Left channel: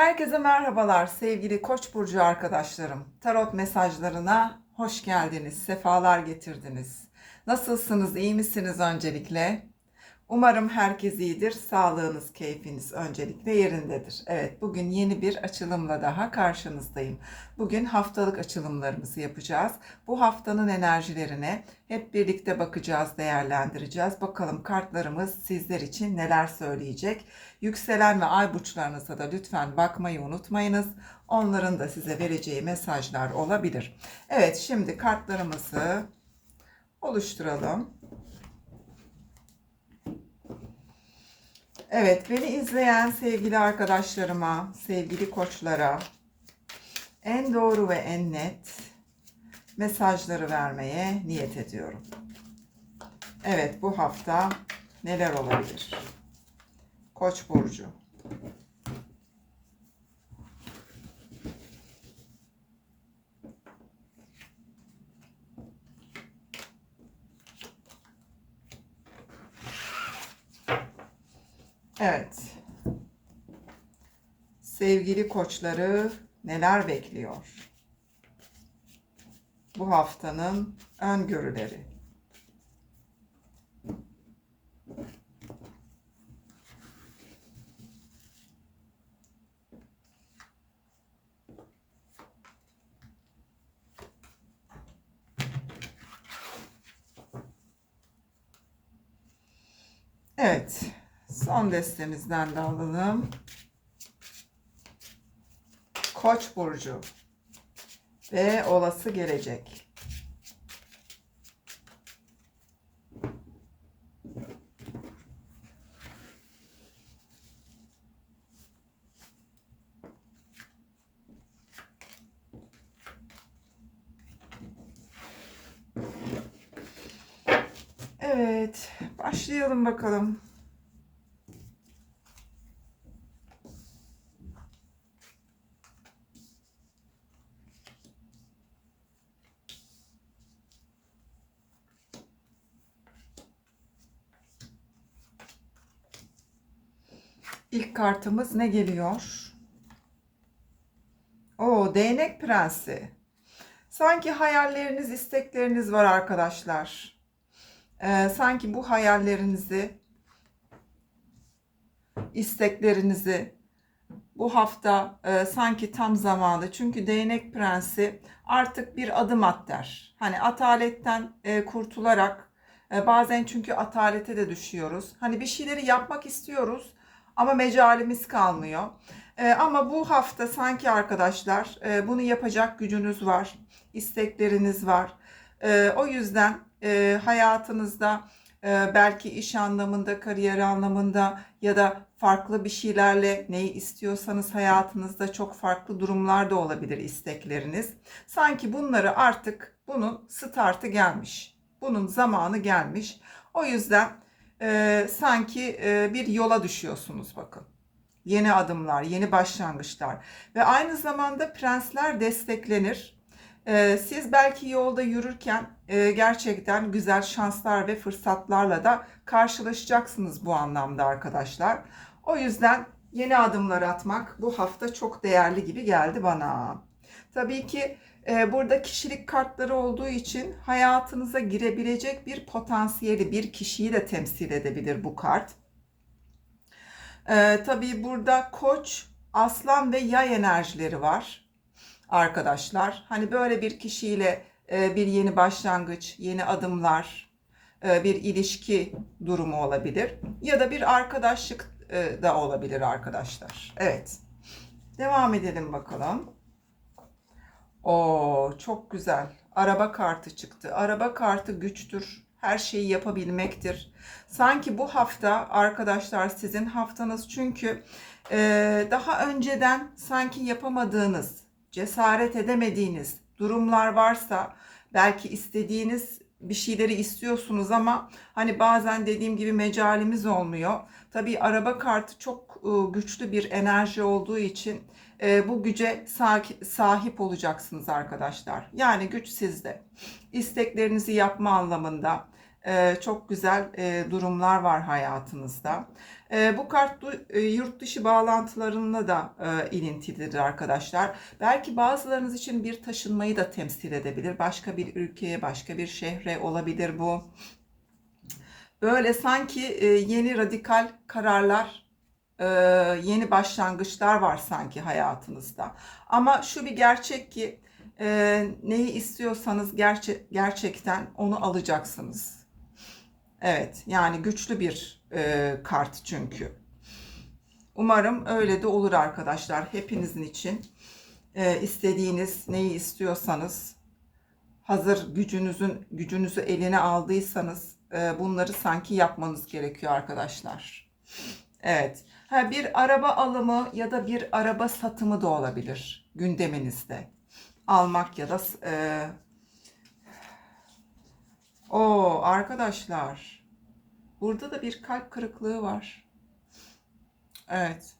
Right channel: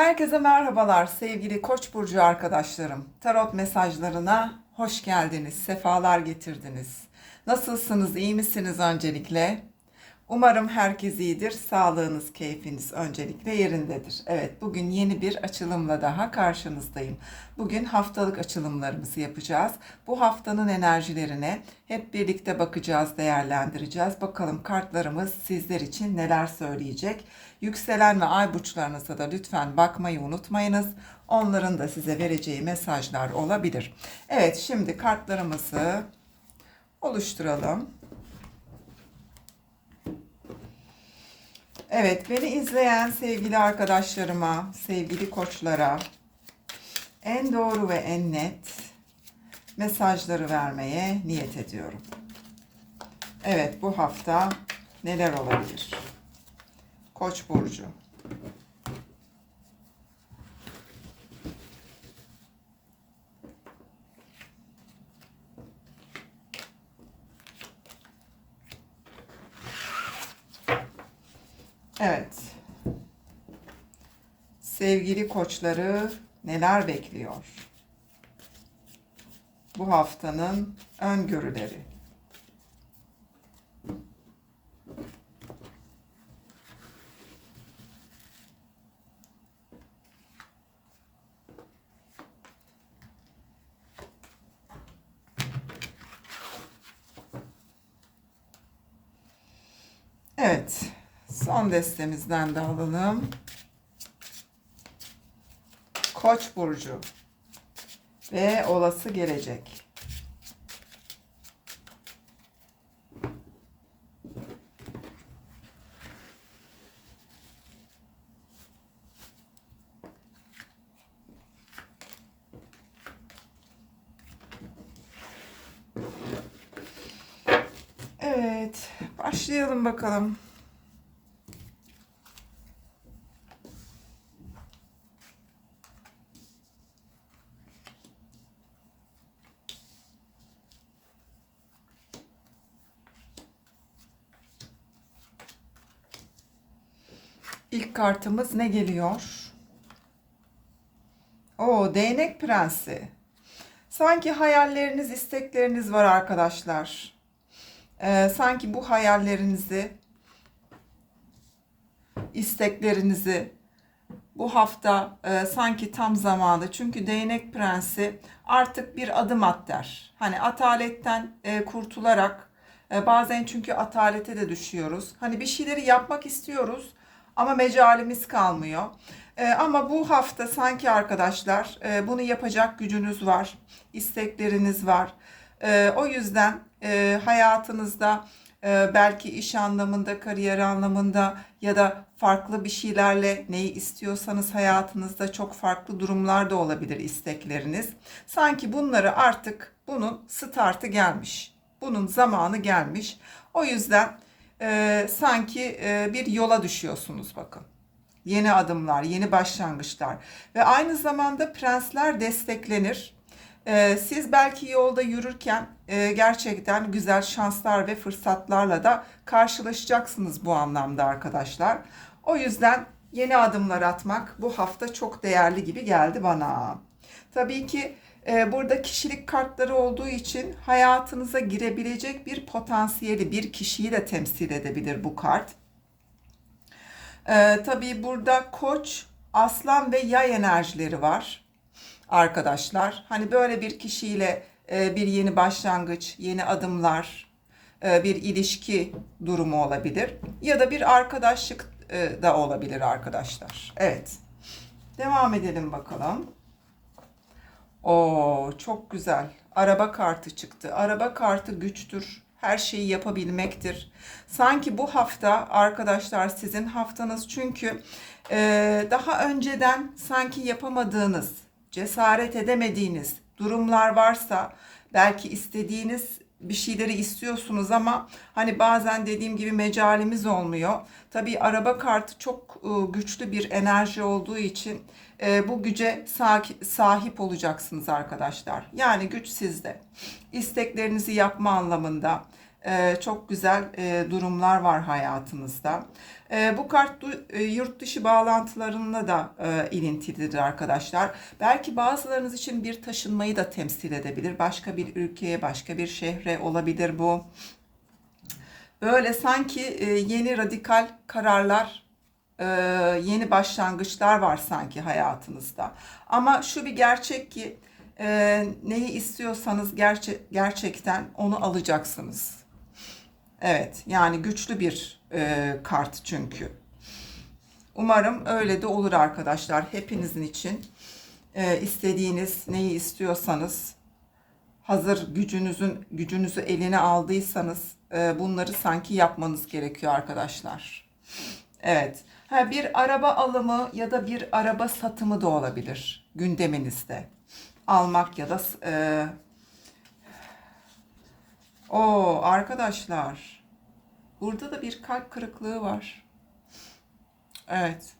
Herkese merhabalar sevgili Koç burcu arkadaşlarım. Tarot mesajlarına hoş geldiniz, sefalar getirdiniz. Nasılsınız, iyi misiniz öncelikle? Umarım herkes iyidir, sağlığınız, keyfiniz öncelikle yerindedir. Evet, bugün yeni bir açılımla daha karşınızdayım. Bugün haftalık açılımlarımızı yapacağız. Bu haftanın enerjilerine hep birlikte bakacağız, değerlendireceğiz. Bakalım kartlarımız sizler için neler söyleyecek. Yükselen ve ay burçlarınıza da lütfen bakmayı unutmayınız. Onların da size vereceği mesajlar olabilir. Evet, şimdi kartlarımızı oluşturalım. Evet, beni izleyen sevgili arkadaşlarıma, sevgili koçlara en doğru ve en net mesajları vermeye niyet ediyorum. Evet, bu hafta neler olabilir? Koç burcu. Evet. Sevgili koçları neler bekliyor? Bu haftanın öngörüleri. Evet. Son destemizden de alalım. Koç burcu ve olası gelecek. Evet, başlayalım bakalım. İlk kartımız ne geliyor? O değnek prensi. Sanki hayalleriniz, istekleriniz var arkadaşlar. Ee, sanki bu hayallerinizi, isteklerinizi bu hafta e, sanki tam zamanı. Çünkü değnek prensi artık bir adım at der. Hani ataletten e, kurtularak e, bazen çünkü atalete de düşüyoruz. Hani bir şeyleri yapmak istiyoruz ama mecalimiz kalmıyor. E, ama bu hafta sanki arkadaşlar e, bunu yapacak gücünüz var, istekleriniz var. E, o yüzden e, hayatınızda e, belki iş anlamında, kariyer anlamında ya da farklı bir şeylerle neyi istiyorsanız hayatınızda çok farklı durumlar da olabilir istekleriniz. Sanki bunları artık bunun startı gelmiş. Bunun zamanı gelmiş. O yüzden e, sanki e, bir yola düşüyorsunuz bakın. Yeni adımlar, yeni başlangıçlar ve aynı zamanda prensler desteklenir. E, siz belki yolda yürürken e, gerçekten güzel şanslar ve fırsatlarla da karşılaşacaksınız bu anlamda arkadaşlar. O yüzden yeni adımlar atmak bu hafta çok değerli gibi geldi bana. Tabii ki e, burada kişilik kartları olduğu için hayatınıza girebilecek bir potansiyeli, bir kişiyi de temsil edebilir bu kart. E, tabii burada koç, aslan ve yay enerjileri var arkadaşlar. Hani böyle bir kişiyle e, bir yeni başlangıç, yeni adımlar, e, bir ilişki durumu olabilir. Ya da bir arkadaşlık e, da olabilir arkadaşlar. Evet. Devam edelim bakalım. Oo çok güzel. Araba kartı çıktı. Araba kartı güçtür. Her şeyi yapabilmektir. Sanki bu hafta arkadaşlar sizin haftanız çünkü e, daha önceden sanki yapamadığınız, cesaret edemediğiniz durumlar varsa belki istediğiniz bir şeyleri istiyorsunuz ama hani bazen dediğim gibi mecalimiz olmuyor. Tabii araba kartı çok e, güçlü bir enerji olduğu için e, bu güce sahip olacaksınız arkadaşlar. Yani güç sizde. İsteklerinizi yapma anlamında e, çok güzel durumlar var hayatınızda. E, bu kart du- e, yurt dışı bağlantılarına da e, ilintilidir arkadaşlar. Belki bazılarınız için bir taşınmayı da temsil edebilir. Başka bir ülkeye, başka bir şehre olabilir bu. Böyle sanki e, yeni radikal kararlar, e, yeni başlangıçlar var sanki hayatınızda. Ama şu bir gerçek ki e, neyi istiyorsanız gerçe- gerçekten onu alacaksınız. Evet, yani güçlü bir e, kart çünkü. Umarım öyle de olur arkadaşlar. Hepinizin için e, istediğiniz neyi istiyorsanız hazır gücünüzün gücünüzü eline aldıysanız e, bunları sanki yapmanız gerekiyor arkadaşlar. Evet. Ha, bir araba alımı ya da bir araba satımı da olabilir gündeminizde. Almak ya da e, o arkadaşlar burada da bir kalp kırıklığı var. Evet.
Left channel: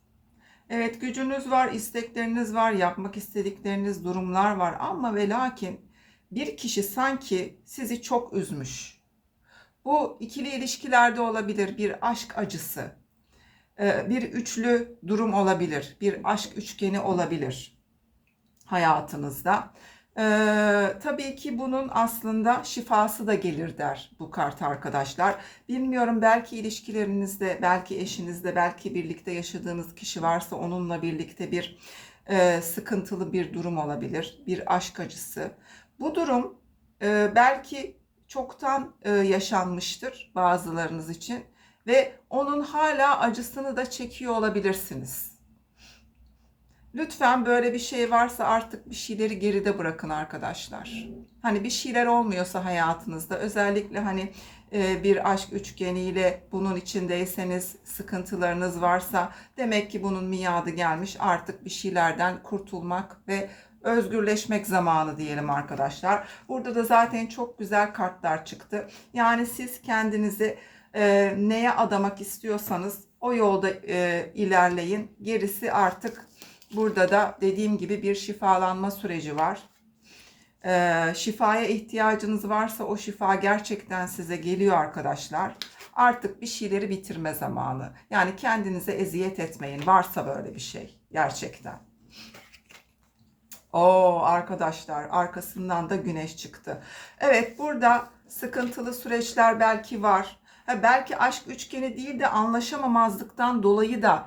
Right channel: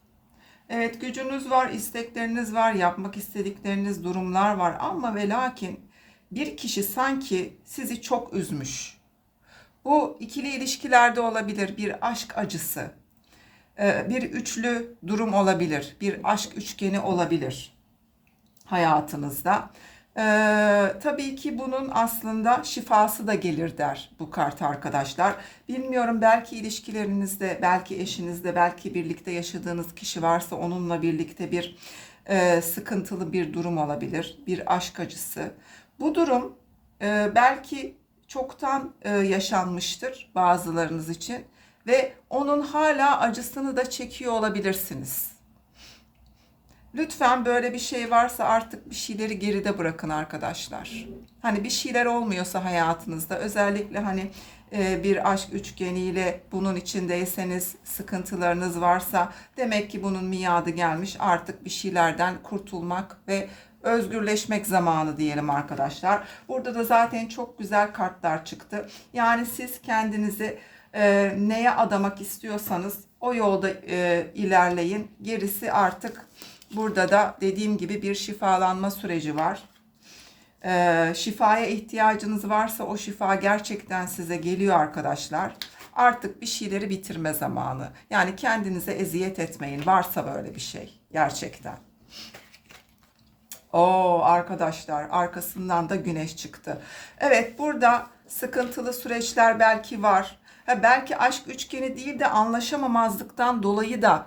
Evet gücünüz var, istekleriniz var, yapmak istedikleriniz durumlar var ama ve lakin bir kişi sanki sizi çok üzmüş. Bu ikili ilişkilerde olabilir, bir aşk acısı, e, bir üçlü durum olabilir, bir aşk üçgeni olabilir hayatınızda. Ee, tabii ki bunun aslında şifası da gelir der bu kart arkadaşlar. Bilmiyorum belki ilişkilerinizde, belki eşinizde, belki birlikte yaşadığınız kişi varsa onunla birlikte bir e, sıkıntılı bir durum olabilir, bir aşk acısı. Bu durum e, belki çoktan e, yaşanmıştır bazılarınız için ve onun hala acısını da çekiyor olabilirsiniz. Lütfen böyle bir şey varsa artık bir şeyleri geride bırakın arkadaşlar. Hani bir şeyler olmuyorsa hayatınızda özellikle hani e, bir aşk üçgeniyle bunun içindeyseniz sıkıntılarınız varsa demek ki bunun miadı gelmiş artık bir şeylerden kurtulmak ve özgürleşmek zamanı diyelim arkadaşlar. Burada da zaten çok güzel kartlar çıktı. Yani siz kendinizi e, neye adamak istiyorsanız o yolda e, ilerleyin. Gerisi artık Burada da dediğim gibi bir şifalanma süreci var. Ee, şifaya ihtiyacınız varsa o şifa gerçekten size geliyor arkadaşlar. Artık bir şeyleri bitirme zamanı. Yani kendinize eziyet etmeyin. Varsa böyle bir şey gerçekten. Oo arkadaşlar arkasından da güneş çıktı. Evet burada sıkıntılı süreçler belki var. Ha, belki aşk üçgeni değil de anlaşamamazlıktan dolayı da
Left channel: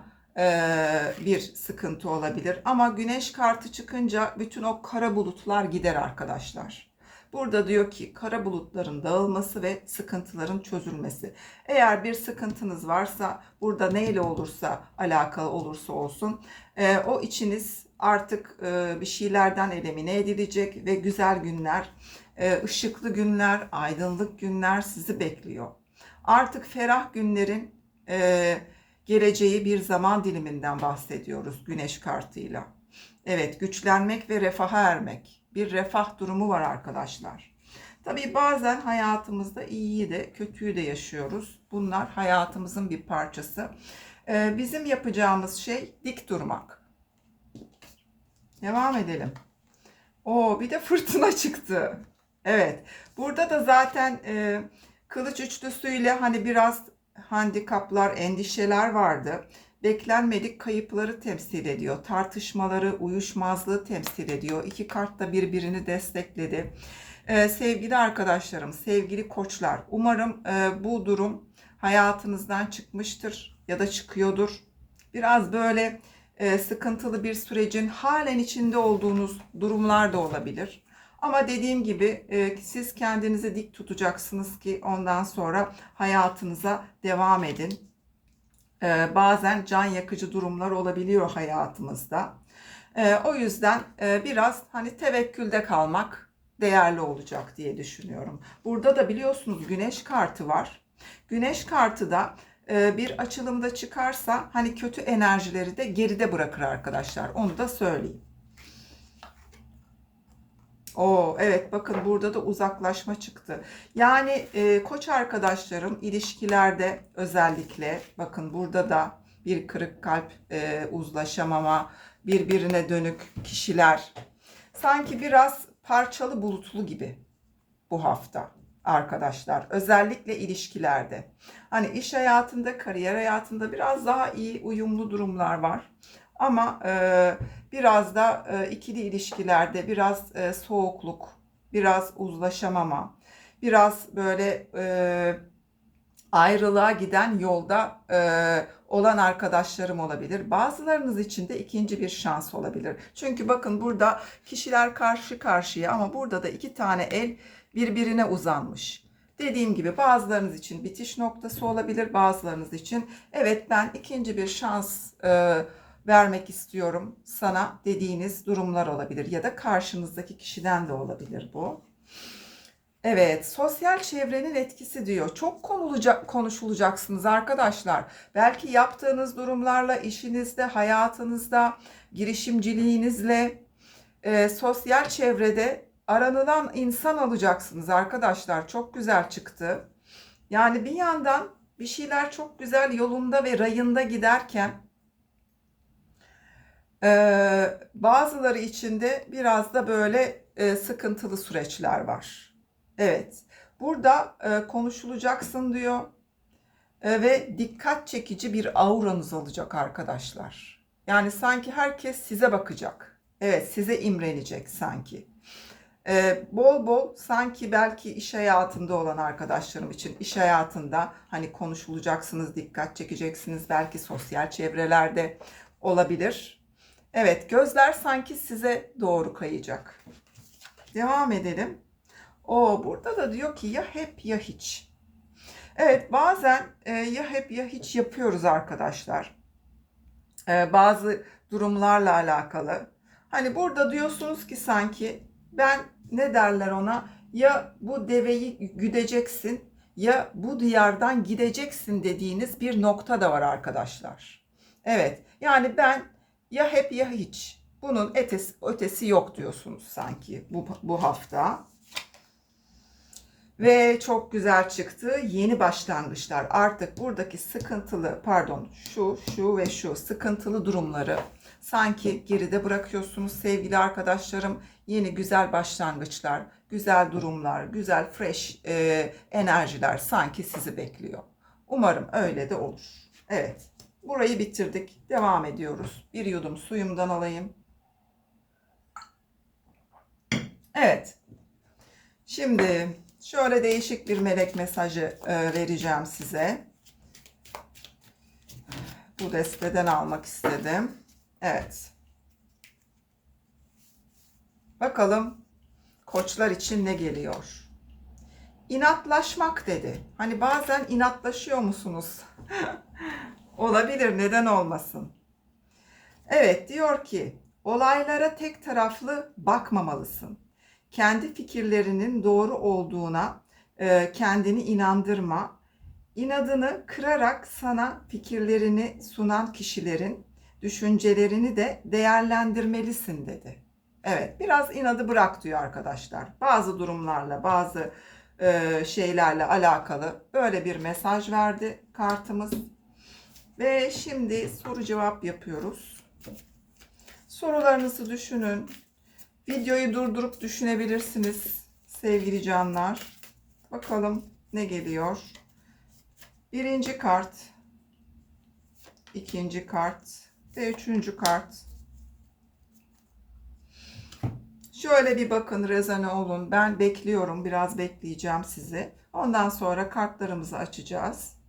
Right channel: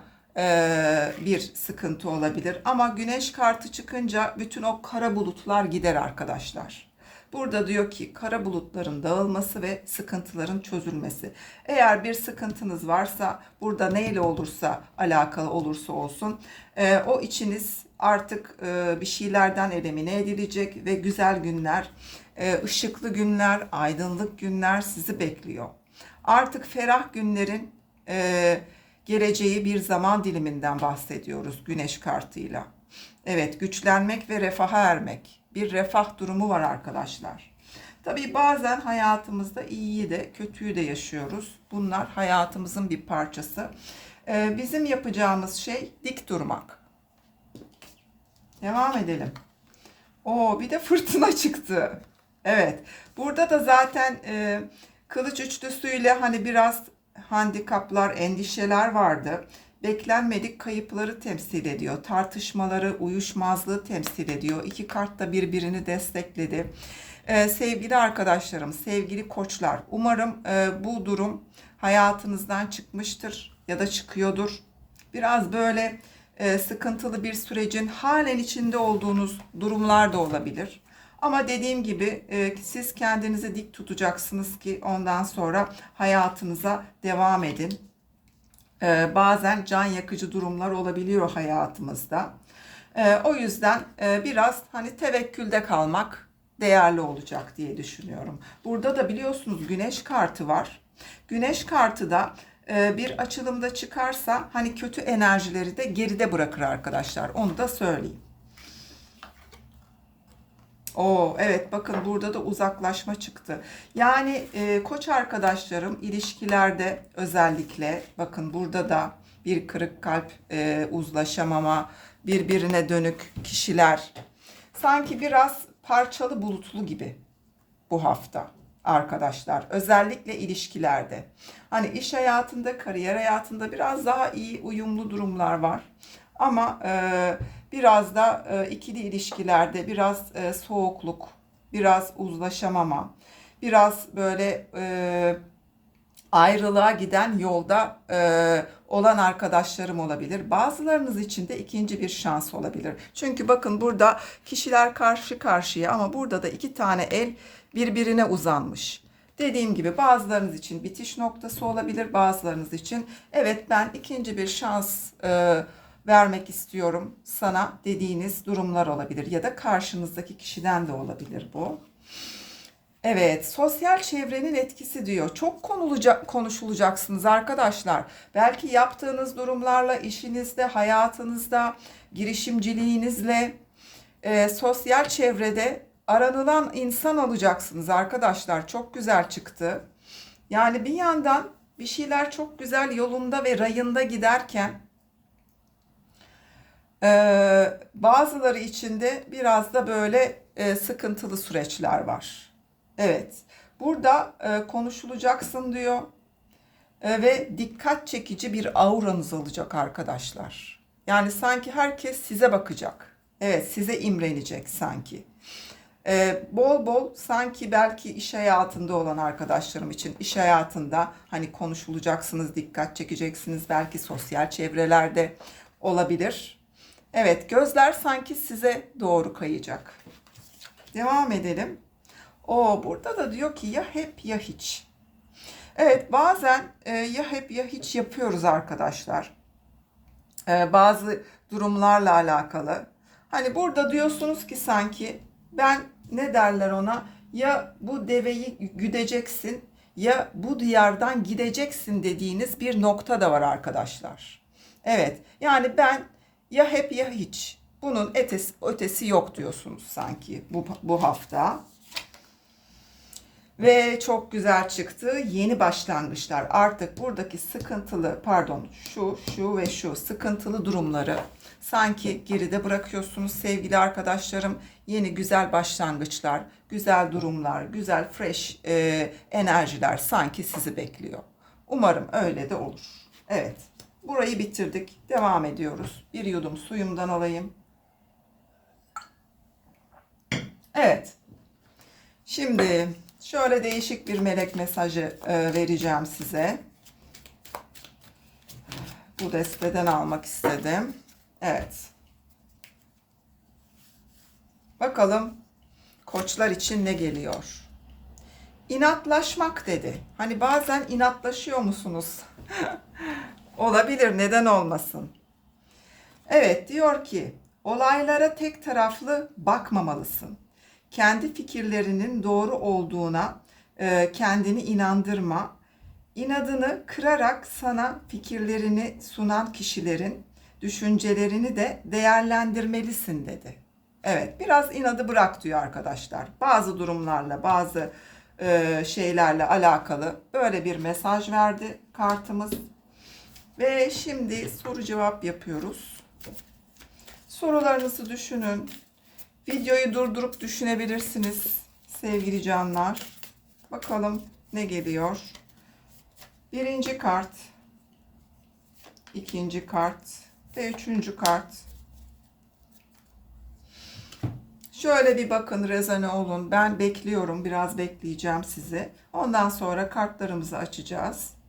bir sıkıntı olabilir. Ama güneş kartı çıkınca bütün o kara bulutlar gider arkadaşlar. Burada diyor ki kara bulutların dağılması ve sıkıntıların çözülmesi. Eğer bir sıkıntınız varsa burada neyle olursa alakalı olursa olsun e, o içiniz artık e, bir şeylerden elimine edilecek ve güzel günler, e, ışıklı günler, aydınlık günler sizi bekliyor. Artık ferah günlerin e, geleceği bir zaman diliminden bahsediyoruz güneş kartıyla. Evet güçlenmek ve refaha ermek. Bir refah durumu var arkadaşlar. Tabii bazen hayatımızda iyiyi de kötüyü de yaşıyoruz. Bunlar hayatımızın bir parçası. Ee, bizim yapacağımız şey dik durmak. Devam edelim. O bir de fırtına çıktı. Evet. Burada da zaten e, kılıç üçlüsüyle hani biraz handikaplar, endişeler vardı. Beklenmedik kayıpları temsil ediyor. Tartışmaları, uyuşmazlığı temsil ediyor. İki kart da birbirini destekledi. Ee, sevgili arkadaşlarım, sevgili koçlar, umarım e, bu durum hayatınızdan çıkmıştır ya da çıkıyordur. Biraz böyle e, sıkıntılı bir sürecin halen içinde olduğunuz durumlar da olabilir. Ama dediğim gibi e, siz kendinizi dik tutacaksınız ki ondan sonra hayatınıza devam edin. E, bazen can yakıcı durumlar olabiliyor hayatımızda. E, o yüzden biraz hani tevekkülde kalmak değerli olacak diye düşünüyorum. Burada da biliyorsunuz güneş kartı var. Güneş kartı da bir açılımda çıkarsa hani kötü enerjileri de geride bırakır arkadaşlar. Onu da söyleyeyim. Oo evet bakın burada da uzaklaşma çıktı. Yani e, koç arkadaşlarım ilişkilerde özellikle bakın burada da bir kırık kalp, e, uzlaşamama, birbirine dönük kişiler. Sanki biraz parçalı bulutlu gibi bu hafta. arkadaşlar. Özellikle ilişkilerde. Hani iş hayatında, kariyer hayatında biraz daha iyi uyumlu durumlar var. Ama e, biraz da e, ikili ilişkilerde biraz e, soğukluk, biraz uzlaşamama, biraz böyle e, ayrılığa giden yolda e, olan arkadaşlarım olabilir. Bazılarınız için de ikinci bir şans olabilir. Çünkü bakın burada kişiler karşı karşıya ama burada da iki tane el birbirine uzanmış. Dediğim gibi bazılarınız için bitiş noktası olabilir, bazılarınız için evet ben ikinci bir şans e, vermek istiyorum sana dediğiniz durumlar olabilir ya da karşınızdaki kişiden de olabilir bu. Evet, sosyal çevrenin etkisi diyor. Çok konulacak, konuşulacaksınız arkadaşlar. Belki yaptığınız durumlarla, işinizde, hayatınızda, girişimciliğinizle, e, sosyal çevrede aranılan insan olacaksınız arkadaşlar. Çok güzel çıktı. Yani bir yandan bir şeyler çok güzel yolunda ve rayında giderken e, bazıları içinde biraz da böyle e, sıkıntılı süreçler var. Evet. Burada e, konuşulacaksın diyor. E, ve dikkat çekici bir auranız olacak arkadaşlar. Yani sanki herkes size bakacak. Evet, size imrenecek sanki. E, bol bol sanki belki iş hayatında olan arkadaşlarım için iş hayatında hani konuşulacaksınız, dikkat çekeceksiniz. Belki sosyal çevrelerde olabilir. Evet, gözler sanki size doğru kayacak. Devam edelim. O burada da diyor ki ya hep ya hiç. Evet bazen e, ya hep ya hiç yapıyoruz arkadaşlar. E, bazı durumlarla alakalı. Hani burada diyorsunuz ki sanki ben ne derler ona ya bu deveyi güdeceksin ya bu diyardan gideceksin dediğiniz bir nokta da var arkadaşlar. Evet yani ben ya hep ya hiç bunun ötesi, ötesi yok diyorsunuz sanki bu, bu hafta. Ve çok güzel çıktı. Yeni başlangıçlar. Artık buradaki sıkıntılı, pardon, şu, şu ve şu sıkıntılı durumları sanki geride bırakıyorsunuz sevgili arkadaşlarım. Yeni güzel başlangıçlar, güzel durumlar, güzel fresh e, enerjiler sanki sizi bekliyor. Umarım öyle de olur. Evet. Burayı bitirdik. Devam ediyoruz. Bir yudum suyumdan alayım. Evet. Şimdi Şöyle değişik bir melek mesajı e, vereceğim size. Bu desteden almak istedim. Evet. Bakalım koçlar için ne geliyor? İnatlaşmak dedi. Hani bazen inatlaşıyor musunuz? Olabilir, neden olmasın? Evet, diyor ki olaylara tek taraflı bakmamalısın kendi fikirlerinin doğru olduğuna e, kendini inandırma. İnadını kırarak sana fikirlerini sunan kişilerin düşüncelerini de değerlendirmelisin dedi. Evet biraz inadı bırak diyor arkadaşlar. Bazı durumlarla bazı e, şeylerle alakalı böyle bir mesaj verdi kartımız. Ve şimdi soru cevap yapıyoruz. Sorularınızı düşünün. Videoyu durdurup düşünebilirsiniz sevgili canlar. Bakalım ne geliyor. Birinci kart, ikinci kart ve üçüncü kart. Şöyle bir bakın rezone olun. Ben bekliyorum. Biraz bekleyeceğim sizi. Ondan sonra kartlarımızı açacağız.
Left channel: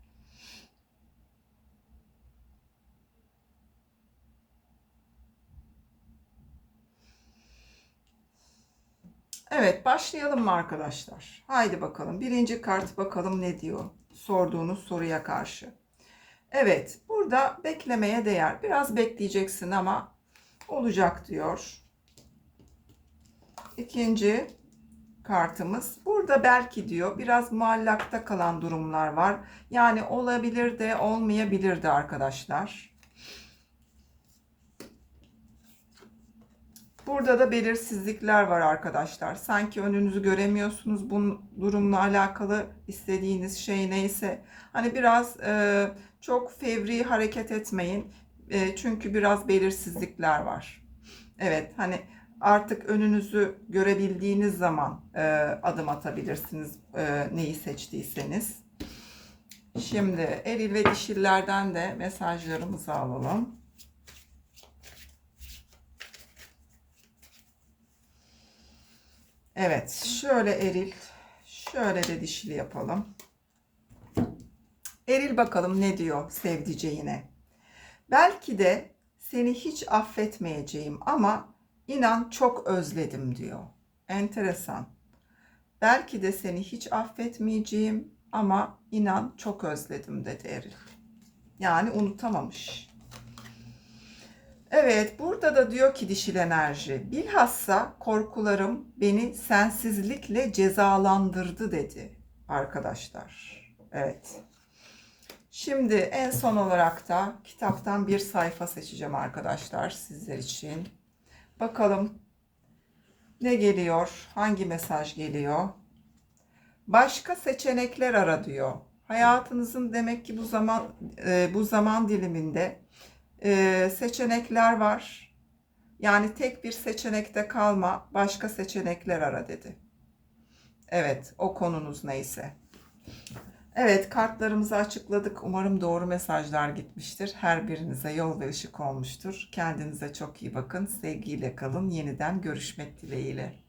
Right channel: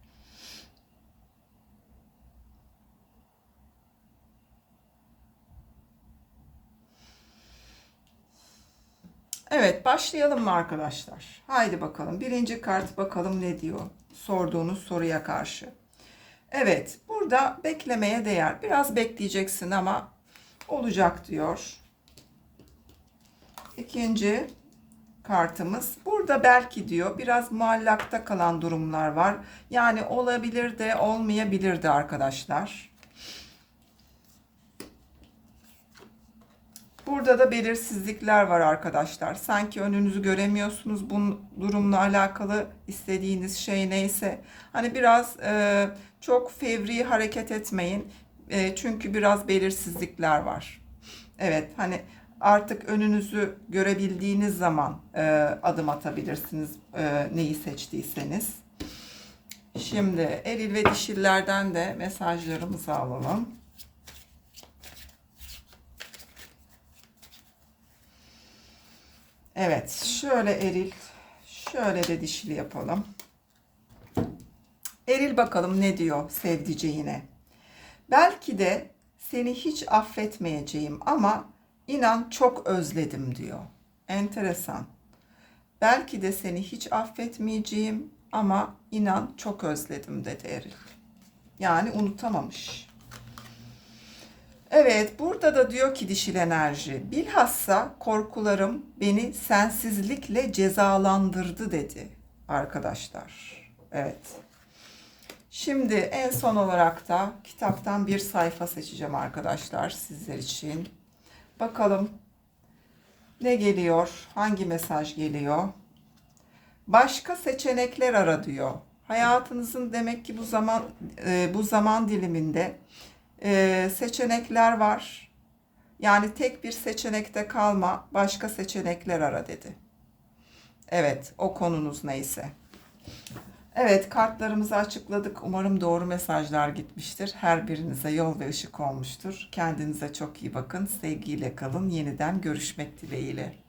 Evet başlayalım mı arkadaşlar? Haydi bakalım. Birinci kart bakalım ne diyor sorduğunuz soruya karşı. Evet burada beklemeye değer. Biraz bekleyeceksin ama olacak diyor. İkinci kartımız. Burada belki diyor biraz muallakta kalan durumlar var. Yani olabilir de olmayabilir de arkadaşlar. Burada da belirsizlikler var arkadaşlar. Sanki önünüzü göremiyorsunuz. Bu durumla alakalı istediğiniz şey neyse. Hani biraz e, çok fevri hareket etmeyin. E, çünkü biraz belirsizlikler var. Evet hani Artık önünüzü görebildiğiniz zaman e, adım atabilirsiniz e, neyi seçtiyseniz. Şimdi eril ve dişillerden de mesajlarımızı alalım. Evet, şöyle eril, şöyle de dişili yapalım. Eril bakalım ne diyor sevdiceğine. Belki de seni hiç affetmeyeceğim ama inan çok özledim diyor. Enteresan. Belki de seni hiç affetmeyeceğim ama inan çok özledim dedi Eril. Yani unutamamış. Evet, burada da diyor ki dişil enerji, bilhassa korkularım beni sensizlikle cezalandırdı dedi arkadaşlar. Evet. Şimdi en son olarak da kitaptan bir sayfa seçeceğim arkadaşlar sizler için. Bakalım ne geliyor, hangi mesaj geliyor? Başka seçenekler ara diyor. Hayatınızın demek ki bu zaman e, bu zaman diliminde e, seçenekler var. Yani tek bir seçenekte kalma, başka seçenekler ara dedi. Evet, o konunuz neyse. Evet, kartlarımızı açıkladık. Umarım doğru mesajlar gitmiştir. Her birinize yol ve ışık olmuştur. Kendinize çok iyi bakın. Sevgiyle kalın. Yeniden görüşmek dileğiyle.